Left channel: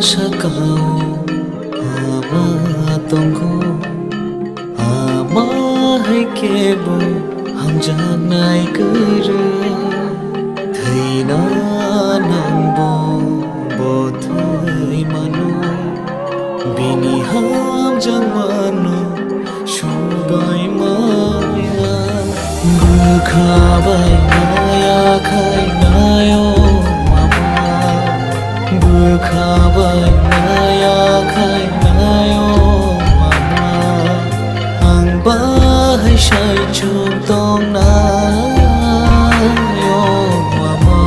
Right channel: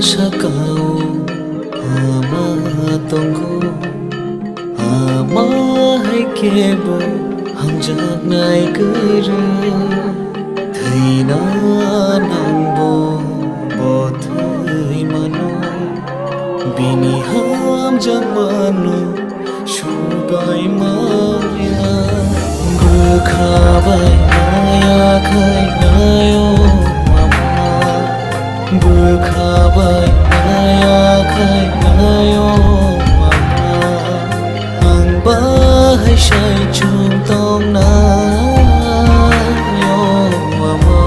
sakao ama tongo ama hai kebo hamjak nai kere thaina nangbo bothai mano bini hamjak mano shubai maya bukhabai maya khai nayo bukhabai maya khai nayo mama ang bahai shai chung tong na yo mama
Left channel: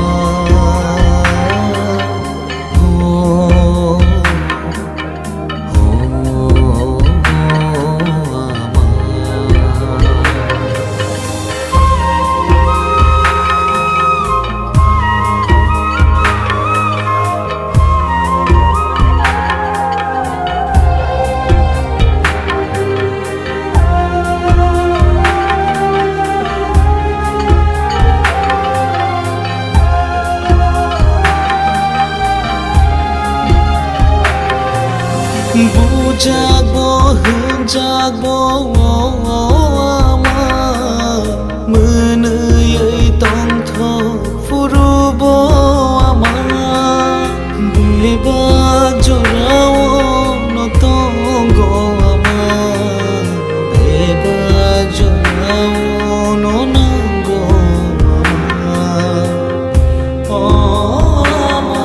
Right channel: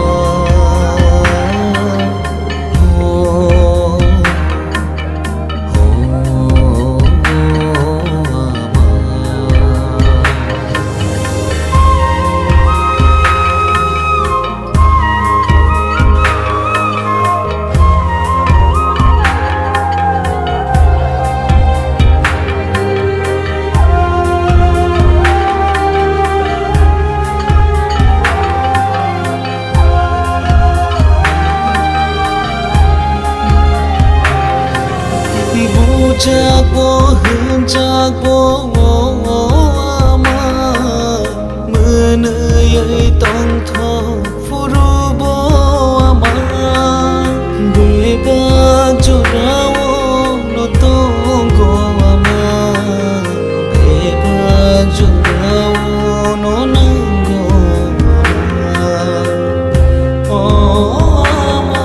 Bujagbo hunjagbo ama menei tong tho furubo ama bebak jorao no tongo ama bebak jorao no nango ama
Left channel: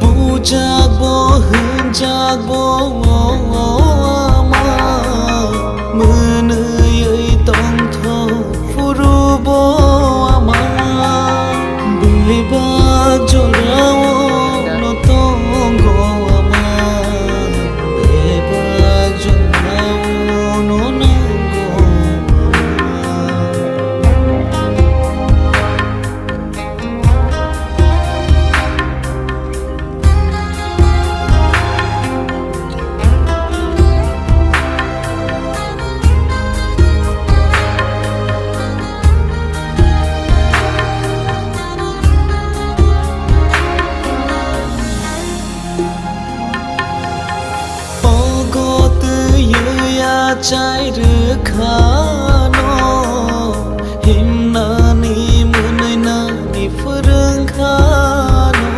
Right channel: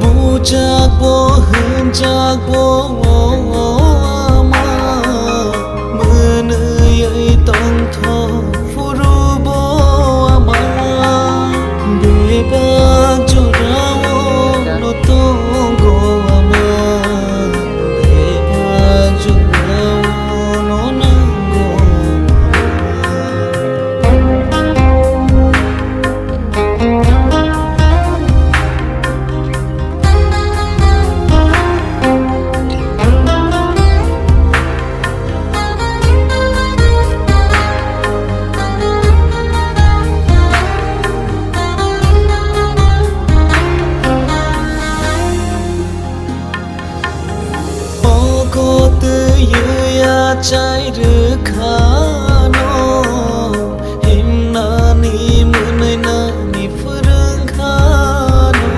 Bujagbo hunjagbo ama menei tong tho furubo ama bebak jorao no tongo ama bebak jorao no nango Got ya chai khano himna ni munai na ni furung khano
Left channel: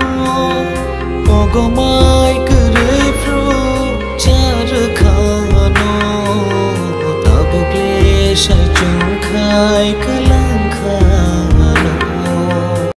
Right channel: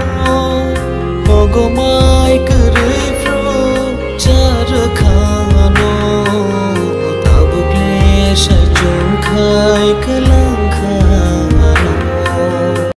ogo mai kurei fro char khano tabukle sai chung khai kalang khano